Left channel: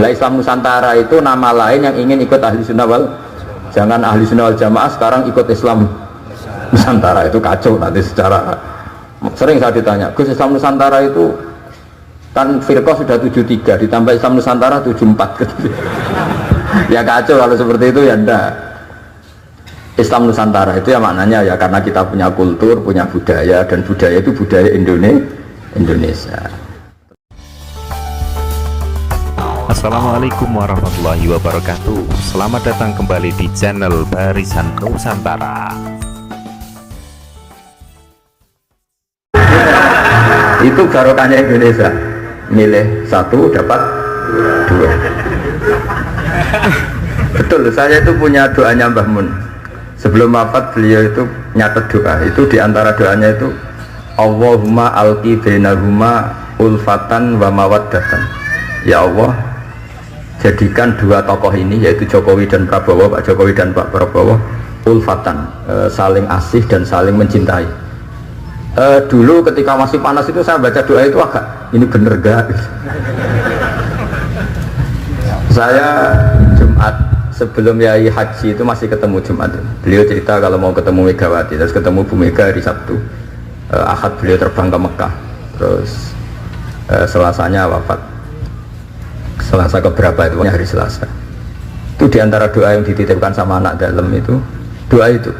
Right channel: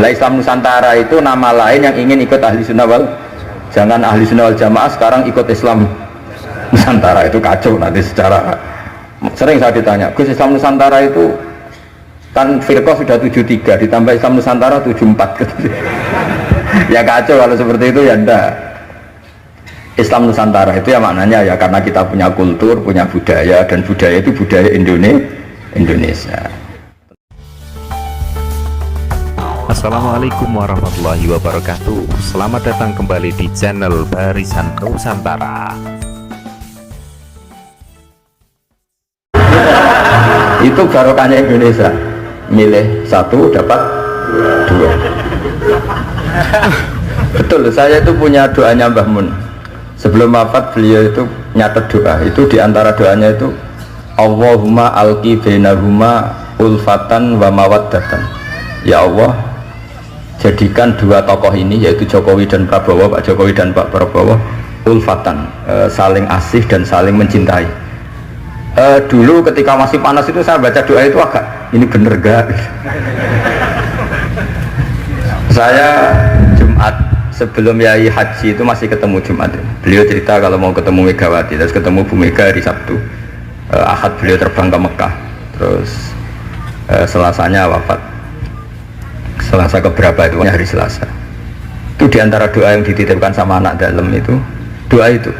Nah, Islam Nusantara itu nama lain yang ingin ikut ahli sunnah wal, jangan ahli sunnah wal jamaah sekarang ikut Islam Nusantara, itu kacau nanti secara. Sering saya ditanya, Gus, Islam Nusantara itu kan firqah sudah 73 ditambah Islam Nusantara 74 gitu. Ya kacau kalau seperti itu ya enggak. Islam Nusantara itu ya maknanya ya karena kita punya kultur, punya budaya, dan budaya itu budaya Indonesia. Assalamualaikum warahmatullahi wabarakatuh. Selamat datang kembali di channel Barisan Nusantara. Itu barokahnya Indonesia, milih satu dapat dua. Betul, saya itu punya doanya Mbah Mun. Sebelum wafat beliau itu nyatet doa. Itu diantara doanya itu Allahumma alqi bainahuma ulfatan wa mawaddatan. Ya Allah, jadikan dua tokoh ini, yaitu Jokowi dan Prabowo, Pak Jokowi dan Pak Prabowo, ulfatan, saling asih dan saling mencintai. Dulu ketika masih panas itu saya baca doa itu agak, ini bener gak? Saya Jumat sebelum Yai Haji itu masih ketemu Jumat. Beliau cerita kalau mau ketemu Megawati, terus ketemu Bu Mega hari Sabtu. Ahad beliau terbang ke Mekah, terus Selasanya wafat. Selasa keberapa itu, hari Selasa. Itu diantara doa yang dititipkan sama anak dalam itu, doa itu.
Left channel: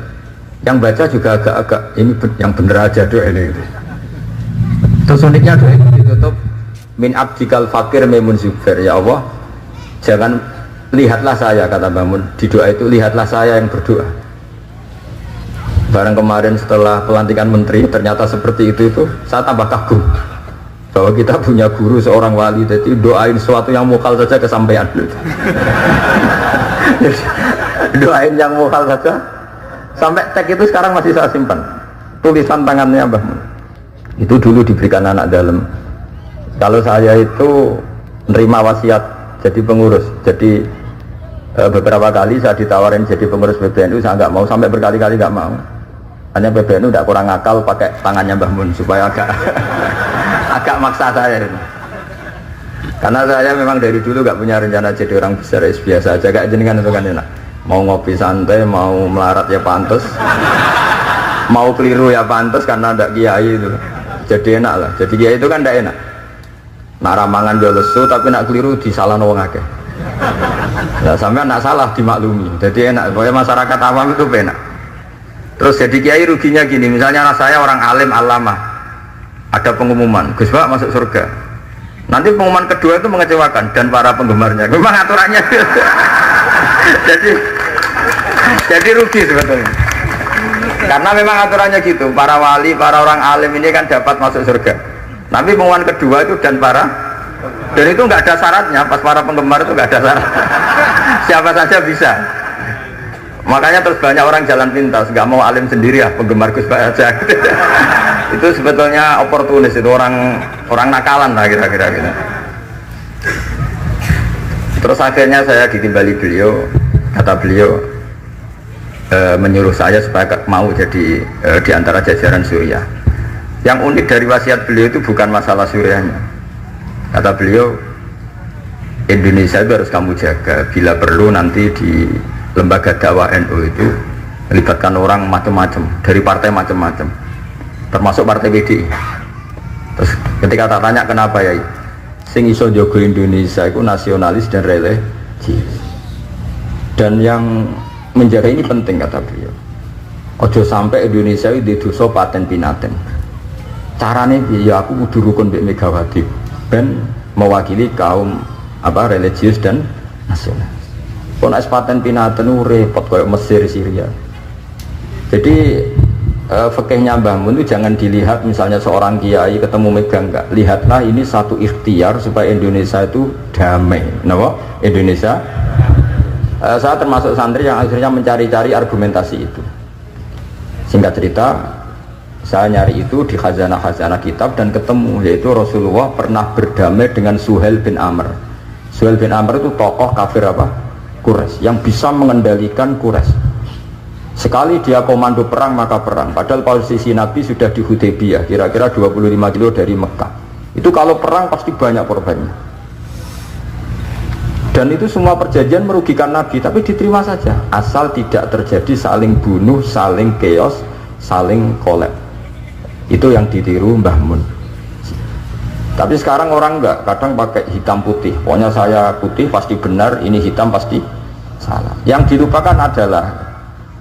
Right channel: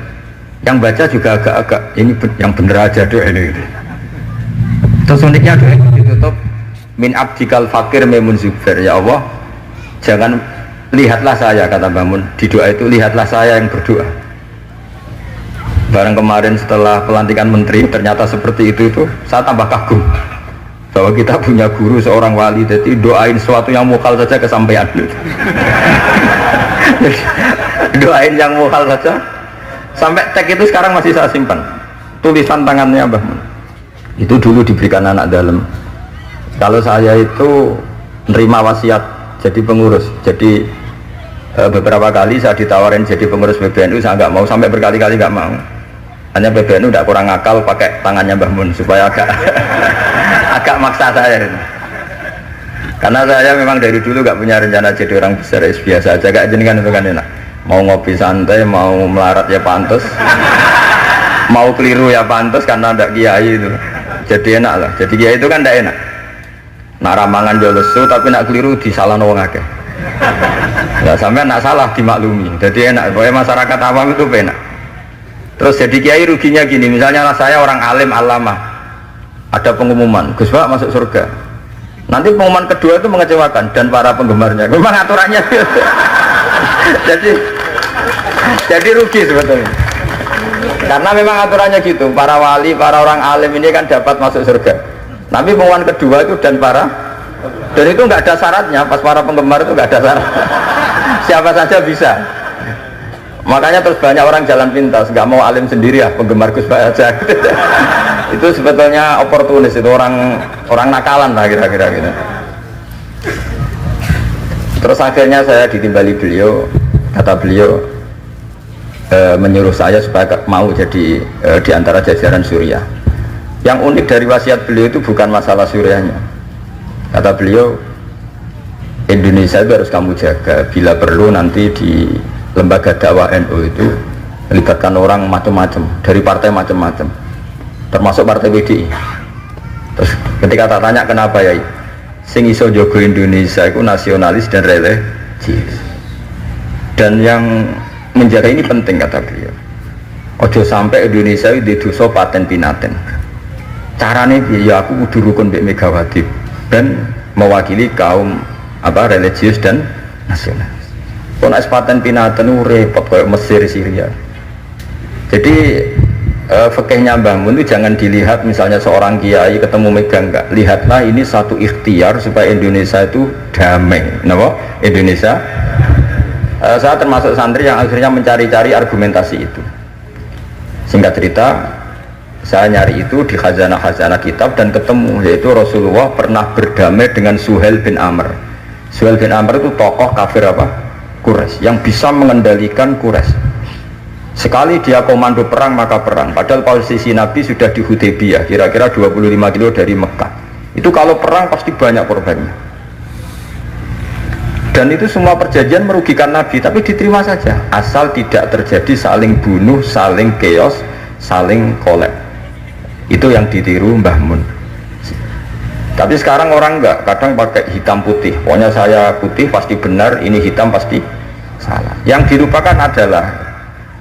Yang baca juga agak-agak, ini yang bener aja doa ini gitu. Terus uniknya doa itu ditutup min abdikal fakir memun zubair. Ya Allah, jangan lihatlah saya, kata Bangun di doa itu, lihatlah saya yang berdoa. Barang kemarin setelah pelantikan menteri ternyata seperti itu saya tambah kagum bahwa kita punya guru seorang wali, jadi doain sesuatu yang mukal saja kesampaian. Doain yang mukal saja sampai cek itu sekarang masih saya simpan tulisan tangannya Mbah Mun. Itu dulu diberikan anak dalam. Kalau saya itu menerima wasiat jadi pengurus, jadi beberapa kali saya ditawarin jadi pengurus PBNU, saya nggak mau, sampai berkali-kali nggak mau. Hanya PBNU tidak kurang akal pakai tangannya Mbah Mun supaya agak maksa saya. Karena saya memang dari dulu nggak punya rencana jadi orang besar, biasa aja, kayak jenengan itu kan enak. Mau ngopi santai, mau melarat ya pantas, mau keliru ya pantas karena ada kiai itu. Jadi enak lah. Jadi kiai itu kan tidak enak. Nak ramangan jual lesu tapi nak keliru disalahkan orang akeh. Nah, sampai nak salah dimaklumi. Jadi enak. Pokoknya masyarakat awam itu enak. Terus jadi kiai ruginya gini, misalnya saya orang alim alamah, ada pengumuman Gus Pak masuk surga, nanti pengumuman kedua itu mengecewakan dan para penggemarnya, memang aturannya. jadi rugi sebetulnya, karena memang aturannya gitu, para wali, para orang alim ini kan dapat masuk surga, tapi pengumuman kedua itu dan itu nggak ada syaratnya, pas para penggemar itu nggak ada syarat. Siapa saja bisa. Makanya terus banyak orang jalan pintas, nggak mau alim sendiri ya, penggemar Gus Pak aja. Itu sebetulnya oportunis, itu orang nakalan lah kira-kira gitu. Terus akhirnya saya ditimbali beliau, kata beliau menyuruh saya supaya mau jadi diantara jajaran Suriah. Yang unik dari wasiat beliau itu bukan masalah Suriahnya. Kata beliau, Indonesia itu harus kamu jaga, bila perlu nanti di lembaga dakwah NU itu melibatkan orang macam-macam dari partai macam-macam, termasuk partai PDI. Terus ketika tak tanya kenapa ya, sing iso jogo Indonesia itu nasionalis dan religius, dan yang menjaga ini penting, kata beliau. Ojo sampai Indonesia itu dosa paten pinaten. Carane ya aku kudu rukun mbek Megawati dan mewakili kaum religius dan nasional. Kalau paten pinaten repot kayak Mesir, Syria. Jadi fikihnya Mbah Mun itu jangan dilihat misalnya seorang kiai ketemu megang, enggak. Lihatlah ini satu ikhtiar supaya Indonesia itu damai. Kenapa? Indonesia. Saya termasuk santri yang akhirnya mencari-cari argumentasi itu. Singkat cerita, saya nyari itu di khazanah-khazanah kitab dan ketemu, yaitu Rasulullah pernah berdamai dengan Suhail bin Amr. Suhail bin Amr itu tokoh kafir Quraisy yang bisa mengendalikan Quraisy. Sekali dia komando perang maka perang, padahal posisi Nabi sudah di Hudaybiyah, kira-kira 25 kilo dari Mekah. Itu kalau perang pasti banyak korbannya. Dan itu semua perjanjian merugikan Nabi, tapi diterima saja asal tidak terjadi saling bunuh, saling chaos, saling kolek. Itu yang ditiru Mbah Mun. Tapi sekarang orang enggak, kadang pakai hitam putih. Pokoknya saya putih pasti benar, ini hitam pasti salah. Yang dilupakan adalah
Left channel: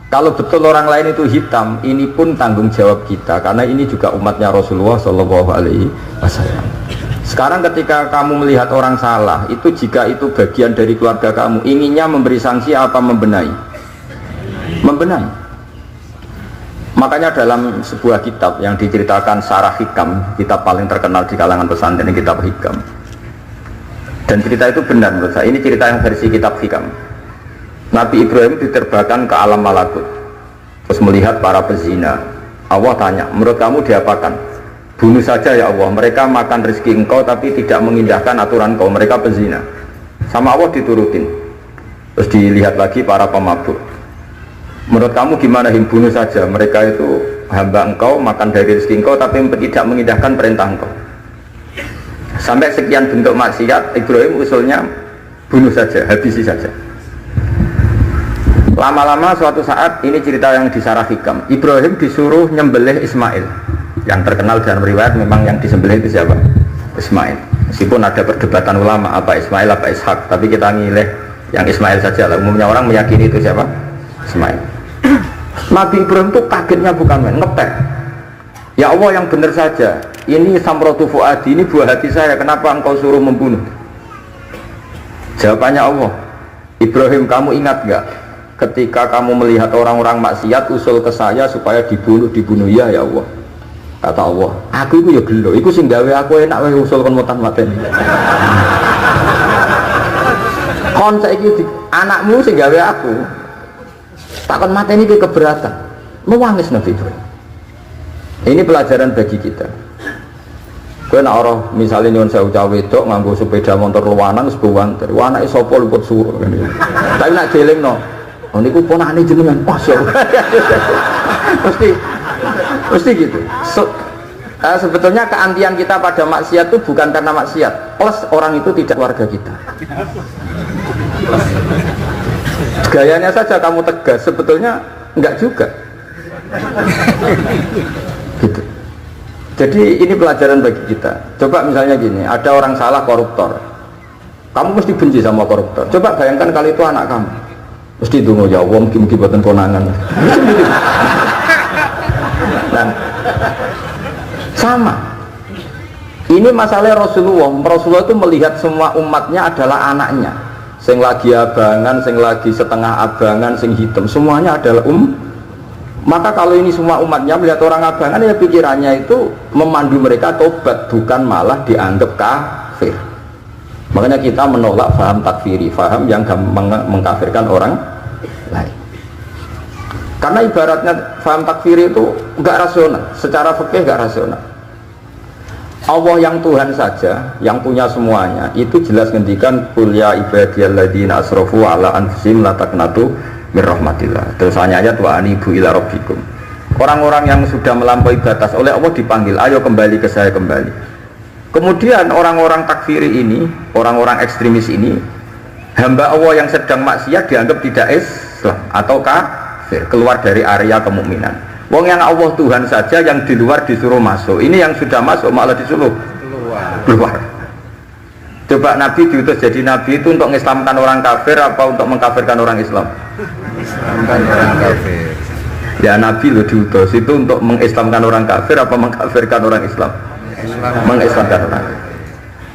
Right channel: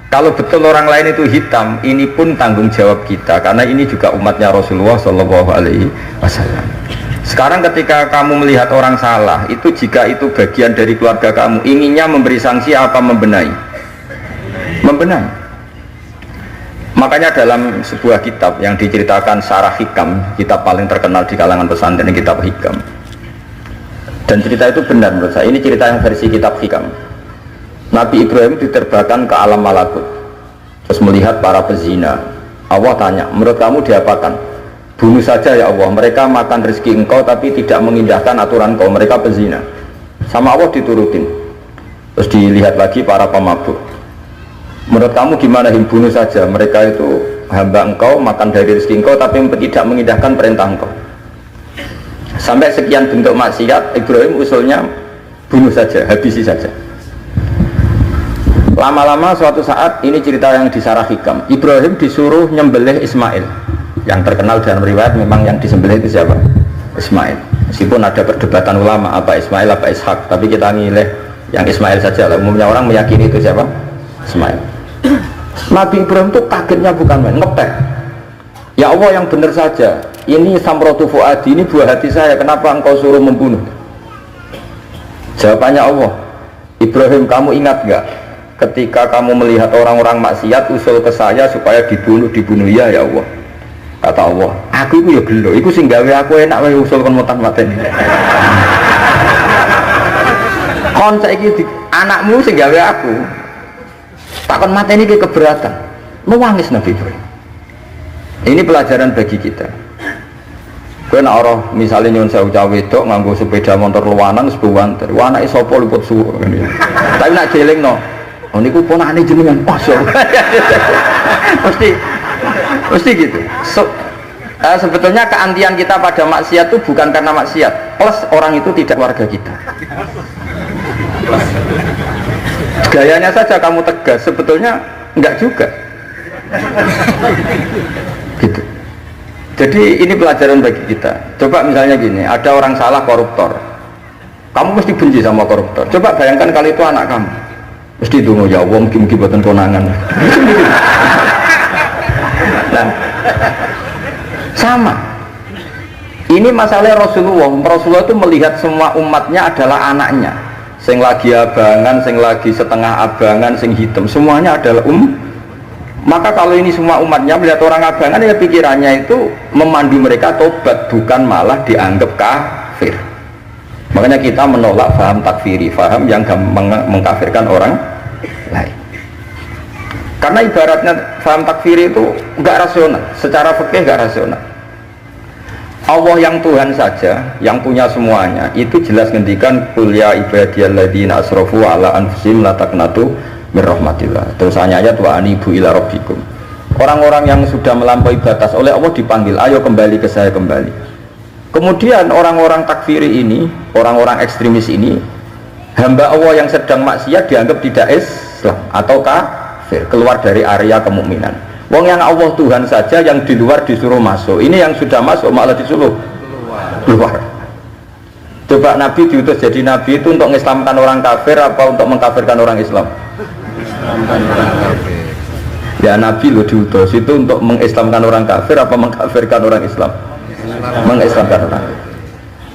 kalau betul orang lain itu hitam, ini pun tanggung jawab kita, karena ini juga umatnya Rasulullah Shallallahu Alaihi Wasallam. Sekarang ketika kamu melihat orang salah, itu jika itu bagian dari keluarga kamu, inginnya memberi sanksi apa membenahi? Membenahi. Makanya dalam sebuah kitab yang diceritakan Sarah Hikam, kitab paling terkenal di kalangan pesantren, kitab Hikam. Dan cerita itu benar menurut saya. Ini cerita yang versi kitab Hikam. Nabi Ibrahim diterbangkan ke alam malakut, terus melihat para pezina. Allah tanya, menurut kamu diapakan? Bunuh saja ya Allah, mereka makan rezeki engkau tapi tidak mengindahkan aturan kau, mereka pezina. Sama Allah diturutin. Terus dilihat lagi para pemabuk. Menurut kamu gimana, bunuh saja, mereka itu hamba engkau, makan dari rezeki engkau tapi tidak mengindahkan perintah engkau. Sampai sekian bentuk maksiat, Ibrahim usulnya bunuh saja, habisi saja. Lama-lama suatu saat, ini cerita yang di Sarah Hikam, Ibrahim disuruh nyembelih Ismail. Yang terkenal dalam riwayat memang yang disembelih itu siapa? Ismail. Meskipun ada perdebatan ulama apa Ismail apa Ishak, tapi kita milih yang Ismail saja. Umumnya orang meyakini itu siapa? Ismail. Nabi Ibrahim itu kagetnya bukan main, ngetek. Ya Allah, yang benar saja, ini samratu fuadi, ini buah hati saya, kenapa engkau suruh membunuh? Jawabannya Allah, Ibrahim, kamu ingat gak ketika kamu melihat orang-orang maksiat usul ke saya supaya dibunuh ya Allah. Kata Allah, aku itu ya gelo, itu sing gawe aku enak wae usul kon matan-mateni. Kon saiki anakmu sing gawe aku takon mateni iki keberatan. Nangis Nabi Ibrahim. Ini pelajaran bagi kita. Kowe nek ora misale nyuwun sewu cah wedok nganggo sepeda motor luwanan wis buwanter. Anake sapa luput suruh. Tapi nek jelingno, oh niku ponakane jenengan. Mesti gitu. Sebetulnya keantian kita pada maksiat itu bukan karena maksiat, plus orang itu tidak warga kita. Gayanya saja kamu tegas, sebetulnya enggak juga. Gitu. Jadi ini pelajaran bagi kita. Coba misalnya gini, ada orang salah koruptor, kamu mesti benci sama koruptor. Coba bayangkan kali itu anak kamu, mesti dungo ya wong mungkin buatan konangan. Nah, sama. Ini masalah Rasulullah itu melihat semua umatnya adalah anaknya. Sing lagi abangan, sing lagi setengah abangan, sing hitam, semuanya adalah Maka kalau ini semua umatnya melihat orang abangan, ya pikirannya itu memandu mereka tobat, bukan malah dianggap kafir. Makanya kita menolak faham takfiri, faham yang mengkafirkan orang lain. Karena ibaratnya faham takfiri itu enggak rasional, secara fikih enggak rasional. Allah yang Tuhan saja, yang punya semuanya, itu jelas ngendikan qul ya ibadiyalladzina asrafu ala anfusihim la taqnatu mir rahmatillah. Terus ayat wa anibu ila rabbikum. Orang-orang yang sudah melampaui batas oleh Allah dipanggil, ayo kembali ke saya kembali. Kemudian orang-orang takfiri ini, orang-orang ekstremis ini, hamba Allah yang sedang maksiat dianggap tidak Islam atau keluar dari area kemukminan. Wong yang Allah Tuhan saja yang di luar disuruh masuk. Ini yang sudah masuk malah disuruh keluar. Coba Nabi diutus jadi Nabi itu untuk mengislamkan orang kafir apa untuk mengkafirkan orang Islam? Ya Nabi lo diutus itu untuk mengislamkan orang kafir apa mengkafirkan orang Islam? Mengislamkan orang.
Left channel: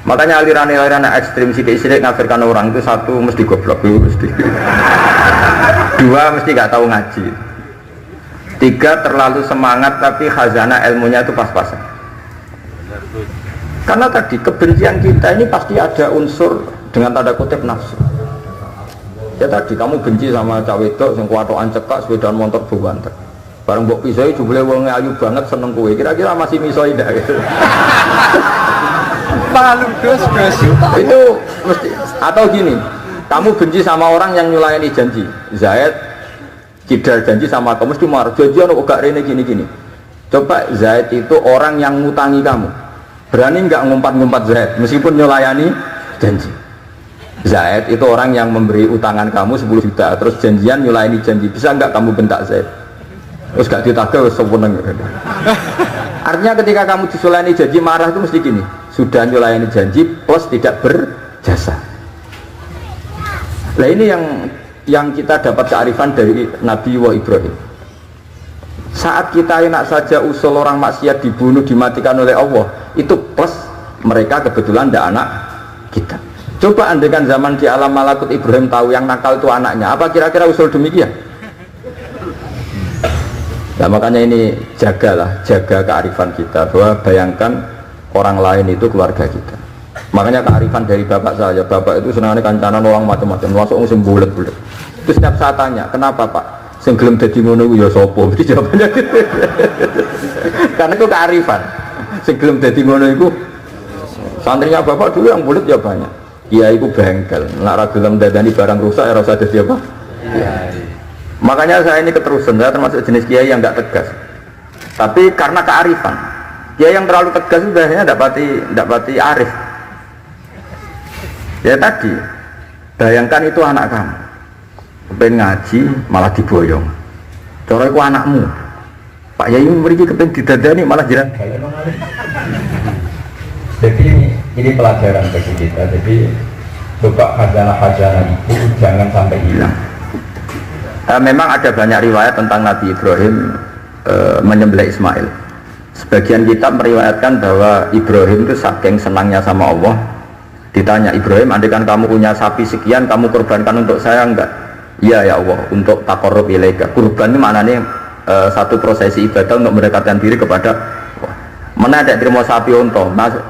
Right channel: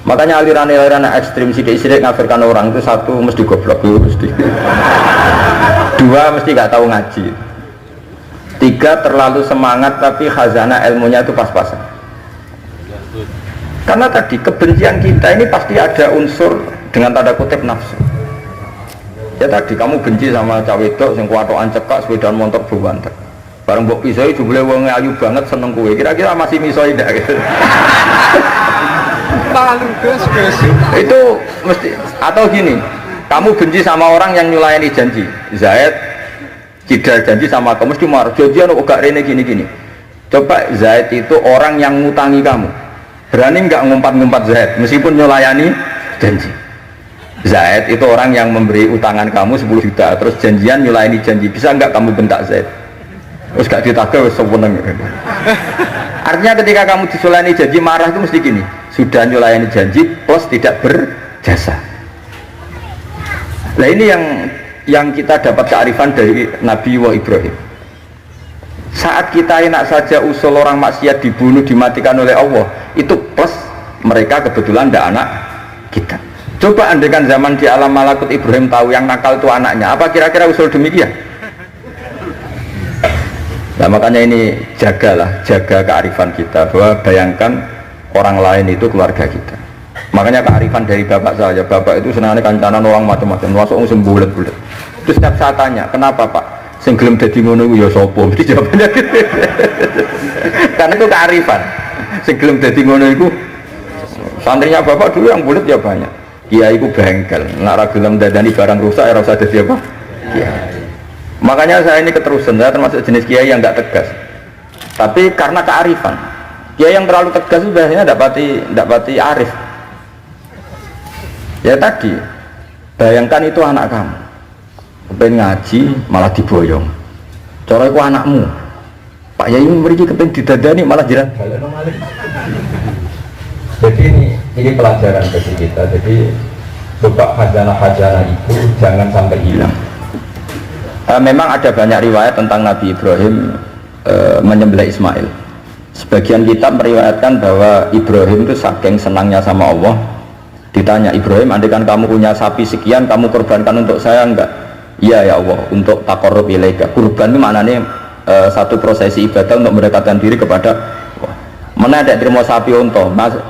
Makanya aliran-aliran ekstrim sidik-sidik ngafirkan orang itu satu mesti goblok dulu mesti. Dua mesti nggak tahu ngaji. Tiga terlalu semangat tapi khazanah ilmunya itu pas-pasan. Karena tadi kebencian kita ini pasti ada unsur dengan tanda kutip nafsu. Ya tadi kamu benci sama cah wedok sing kuwatokan cekak sepedaan motor buwanter. Bareng mbok pisoi jebule wong ayu banget seneng kowe. Kira-kira masih misoi ndak gitu. Itu mesti atau gini, kamu benci sama orang yang nyulayani janji. Zaid tidak janji sama kamu mesti marah. Janjian kok gak rene gini-gini. Coba Zaid itu orang yang ngutangi kamu. Berani nggak ngumpat-ngumpat Zaid meskipun nyulayani janji? Zaid itu orang yang memberi utangan kamu 10 juta, terus janjian nyulaini janji, bisa enggak kamu bentak Zaid? Terus gak ditagih seweneng. Artinya ketika kamu disulani janji marah itu mesti gini, sudah nyulaini janji plus tidak berjasa. Nah ini yang kita dapat kearifan dari Nabi Ibrahim. Saat kita enak saja usul orang maksiat dibunuh, dimatikan oleh Allah, itu plus mereka kebetulan tidak anak kita. Coba andaikan zaman di alam malakut Ibrahim tahu yang nakal itu anaknya, apa kira-kira usul demikian? Nah makanya ini jaga kearifan kita, bahwa bayangkan orang lain itu keluarga kita. Makanya kearifan dari bapak saya, bapak itu senangnya kancanan orang macam-macam, masuk musim bulat-bulat. Terus setiap saya tanya, kenapa pak? Sing gelem dadi ngono iku ya sapa? Mesti jawabannya gitu. Karena itu kearifan. Sing gelem dadi ngono iku santrinya bapak dulu yang bulat ya banyak. Kiai iku bengkel, nek ora gelem dadani barang rusak ya ora usah dadi apa? Kiai. Makanya saya ini keterusan, saya termasuk jenis kiai yang enggak tegas. Tapi karena kearifan. Kiai yang terlalu tegas itu biasanya enggak pati arif. Ya tadi, bayangkan itu anak kamu. Kepengen ngaji malah diboyong. Cara itu anakmu. Pak Yai memberi kepengen didadani malah jiran. Jadi ini pelajaran bagi kita. Jadi coba khazanah-khazanah itu jangan sampai hilang. Memang ada banyak riwayat tentang Nabi Ibrahim menyembelih Ismail. Sebagian kitab meriwayatkan bahwa Ibrahim itu saking senangnya sama Allah. Ditanya Ibrahim, andaikan kamu punya sapi sekian, kamu korbankan untuk saya enggak? Iya ya Allah, untuk taqarrub ilaika. Kurban ini maknanya satu prosesi ibadah untuk mendekatkan diri kepada Allah. Mana ada terima sapi unta,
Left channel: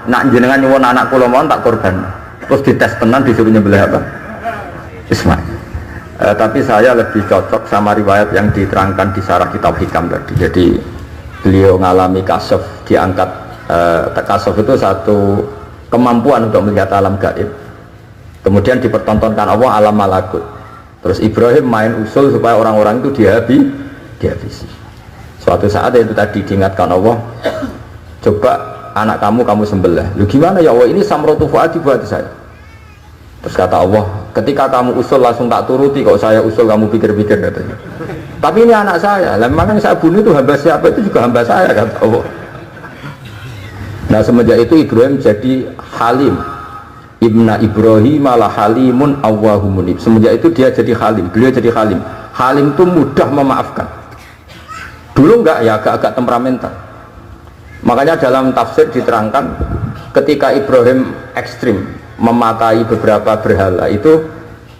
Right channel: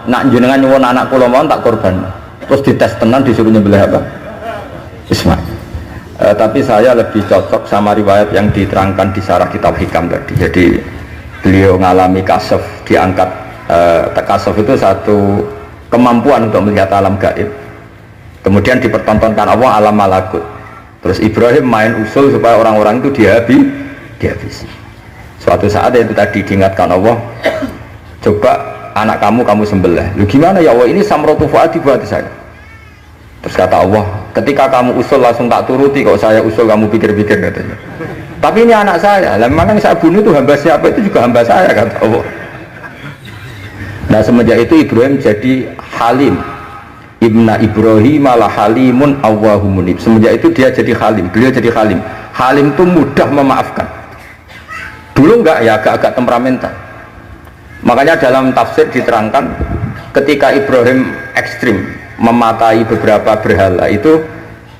nak jenengan nyuwun anak kula mau tak korban. Terus dites tenan disuruh nyembelih apa? Ismail. Tapi saya lebih cocok sama riwayat yang diterangkan di Syarah Kitab Hikam tadi. Jadi beliau ngalami kasaf, diangkat kasaf itu satu kemampuan untuk melihat alam gaib. Kemudian dipertontonkan Allah alam malakut. Terus Ibrahim main usul supaya orang-orang itu dihabisi. Suatu saat itu tadi diingatkan Allah, coba anak kamu sembelih. Lu gimana ya Allah, ini samratu fuadi buat saya. Terus kata Allah, ketika kamu usul langsung tak turuti, kok saya usul kamu pikir-pikir katanya. Tapi ini anak saya, lah memang yang saya bunuh itu hamba siapa, itu juga hamba saya kata Allah. Nah semenjak itu Ibrahim jadi halim. Ibna Ibrahim malah halimun awwahumunib. Semenjak itu dia jadi halim, beliau jadi halim. Halim itu mudah memaafkan. Dulu enggak ya, agak-agak temperamental. Makanya dalam tafsir diterangkan ketika Ibrahim ekstrim mematai beberapa berhala itu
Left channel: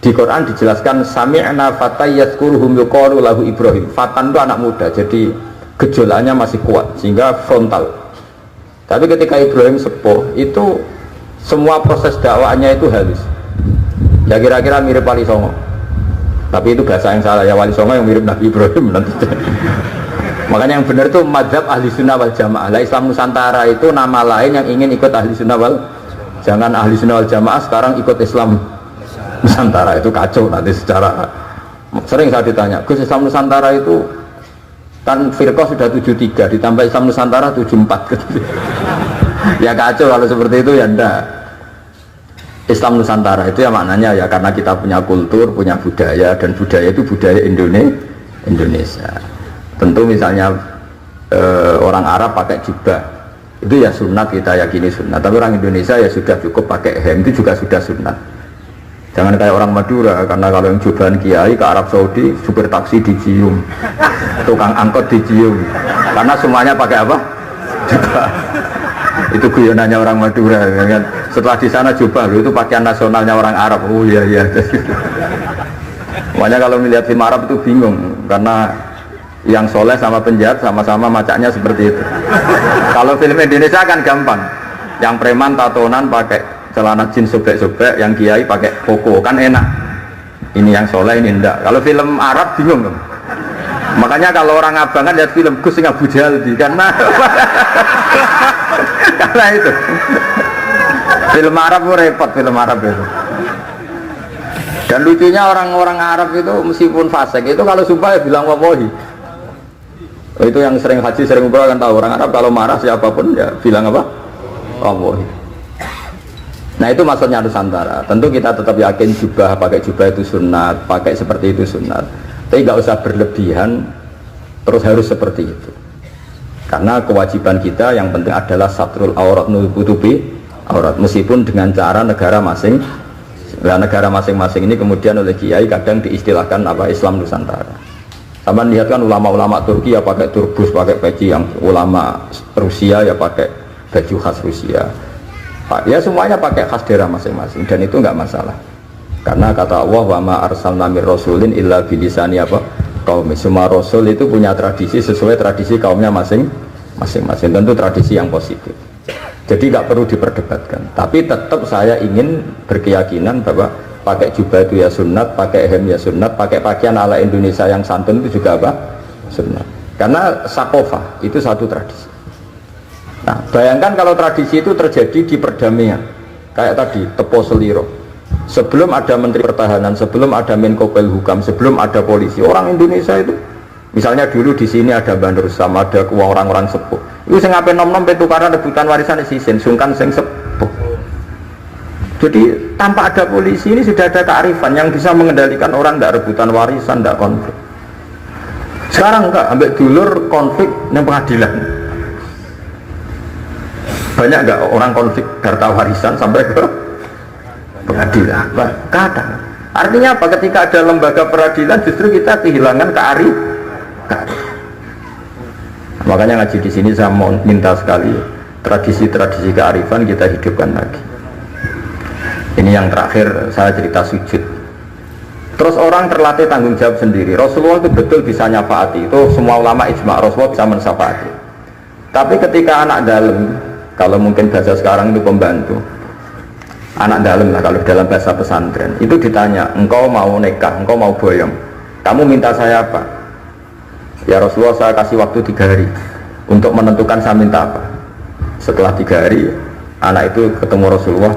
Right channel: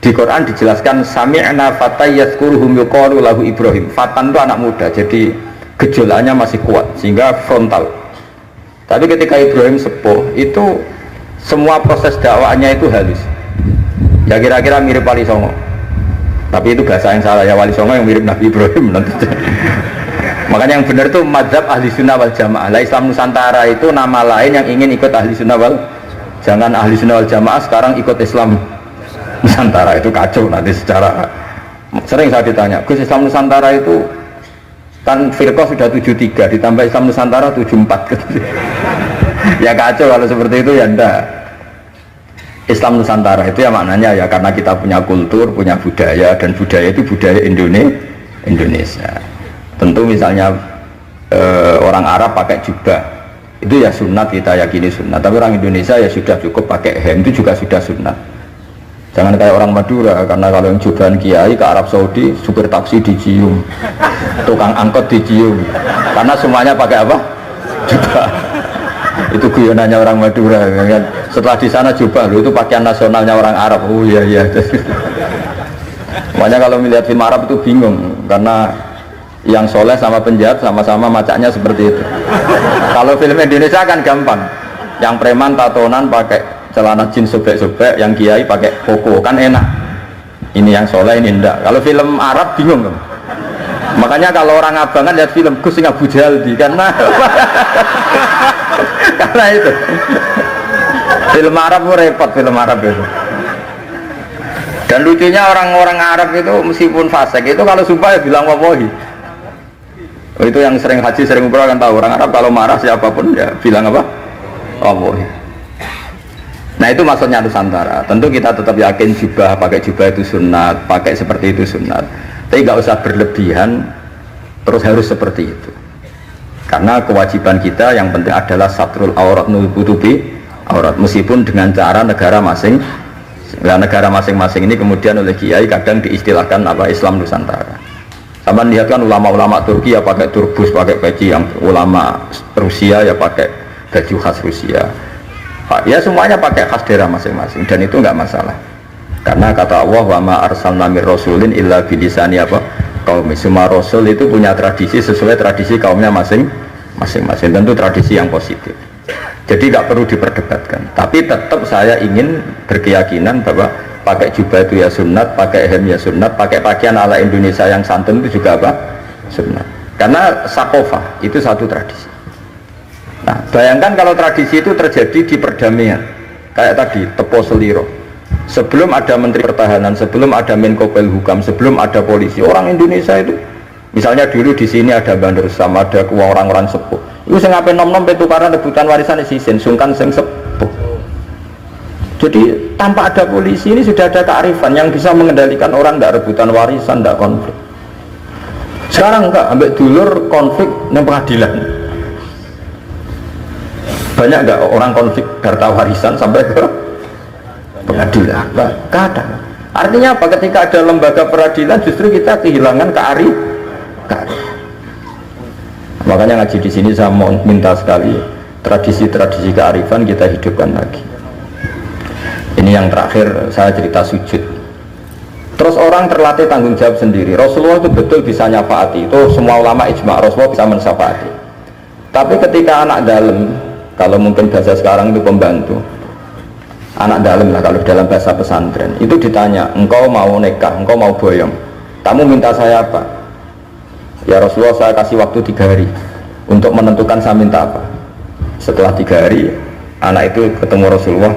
di Quran dijelaskan sami'na fatay yazkuruhum yuqalu lahu Ibrahim. Fatan itu anak muda, jadi gejolaknya masih kuat sehingga frontal. Tapi ketika Ibrahim sepuh itu semua proses dakwahnya itu halus. Ya kira-kira mirip Wali Songo. Tapi itu bahasa yang salah ya, Wali Songo yang mirip Nabi Ibrahim nanti. Makanya yang benar itu mazhab ahli sunnah wal jamaah. Lah Islam Nusantara itu nama lain yang ingin ikut ahli sunnah wal. Jangan ahli sunnah wal jamaah sekarang ikut Islam Nusantara, itu kacau nanti secara. Sering saya ditanya, Gus Islam Nusantara itu kan firqah sudah 73 ditambah Islam Nusantara 74 gitu. Ya kacau kalau seperti itu ya enggak. Islam Nusantara itu ya maknanya ya karena kita punya kultur, punya budaya, dan budaya itu budaya Indonesia. Tentu misalnya orang Arab pakai jubah itu ya sunat, kita yakini sunat. Tapi orang Indonesia ya sudah cukup pakai hem, itu juga sudah sunat. Jangan kayak orang Madura, karena kalau yang jubahan kiai ke Arab Saudi, supir taksi dicium, tukang angkot dicium, karena semuanya pakai apa? Jubah. Itu guyonannya orang Madura kan? Setelah di sana jubah lo itu pakaian nasionalnya orang Arab. Oh iya iya. Makanya kalau melihat film Arab itu bingung karena yang soleh sama penjahat sama-sama macaknya seperti itu. Kalau film Indonesia kan gampang, yang preman tatonan pakai celana jeans sobek-sobek, yang kiai pakai koko kan enak. Ini yang soleh ini enggak. Kalau film Arab bingung. Makanya kalau orang abangan lihat film Gus sing Abu Jaldi karena karena itu film Arab repot, film Arab itu. Dan lucunya orang-orang Arab itu meskipun fasik itu kalau sumpah ya bilang wallahi. Itu yang sering haji sering umrah kan tahu, orang Arab kalau marah siapapun ya bilang apa? Wallahi. Nah itu maksudnya Nusantara. Tentu kita tetap yakin pakai jubah itu sunat, pakai seperti itu sunat. Tapi nggak usah berlebihan, terus harus seperti itu. Karena kewajiban kita yang penting adalah satrul aurat nutupi aurat, meskipun dengan cara negara masing. Nah, negara masing-masing ini kemudian oleh kiai kadang diistilahkan apa Islam Nusantara. Sama lihat kan ulama-ulama Turki ya pakai turbus, pakai peci, yang ulama Rusia ya pakai baju khas Rusia. Ya semuanya pakai khas daerah masing-masing dan itu nggak masalah. Karena kata Allah wa ma arsalna mir rasulin illa bilisani apa kaum. Semua rasul itu punya tradisi sesuai tradisi kaumnya masing-masing. Tentu tradisi yang positif. Jadi nggak perlu diperdebatkan. Tapi tetap saya ingin berkeyakinan bahwa pakai jubah itu ya sunat, pakai hem ya sunat, pakai pakaian ala Indonesia yang santun itu juga apa? Sunat. Karena sakofah itu satu tradisi. Nah, bayangkan kalau tradisi itu terjadi di perdamaian, kayak tadi Tepo Seliro. Sebelum ada Menteri Pertahanan, sebelum ada Menko Polhukam, sebelum ada polisi, orang Indonesia itu, misalnya dulu di sini ada Bandur sama ada orang-orang sepuh. Itu saya ngapain nom-nom tukaran rebutan warisan di sini, sungkan sing sepuh. Jadi tanpa ada polisi ini sudah ada kearifan yang bisa mengendalikan orang tidak rebutan warisan, tidak konflik. Sekarang enggak, ambil dulur konflik di pengadilan. Banyak enggak orang konflik harta warisan sampai ke pengadilan? Kadang. Artinya apa? Ketika ada lembaga peradilan justru kita kehilangan kearifan. Makanya ngaji di sini saya mau minta sekali tradisi-tradisi kearifan kita hidupkan lagi. Ini yang terakhir saya cerita sujud. Terus orang terlatih tanggung jawab sendiri. Rasulullah itu betul bisa nyafaati. Itu semua ulama ijma Rasulullah bisa mensafaati. Tapi ketika anak dalam, kalau mungkin bahasa sekarang itu pembantu, anak dalam lah kalau dalam bahasa pesantren, itu ditanya, engkau mau nikah, engkau mau boyong, kamu minta saya apa? Ya Rasulullah saya kasih waktu 3 hari untuk menentukan saya minta apa. Setelah 3 hari anak itu ketemu Rasulullah,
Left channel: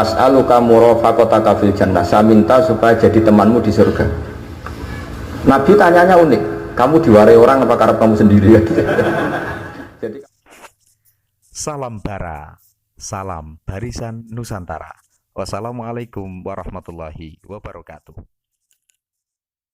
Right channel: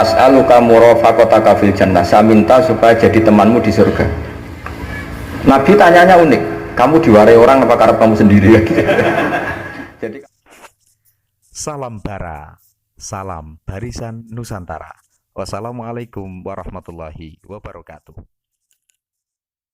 as'aluka murafaqataka fil jannah, saya minta supaya jadi temanmu di surga. Nabi tanyanya unik, kamu diwarai orang apa karena kamu sendiri? Jadi Salam Bara, salam Barisan Nusantara. Wassalamualaikum warahmatullahi wabarakatuh.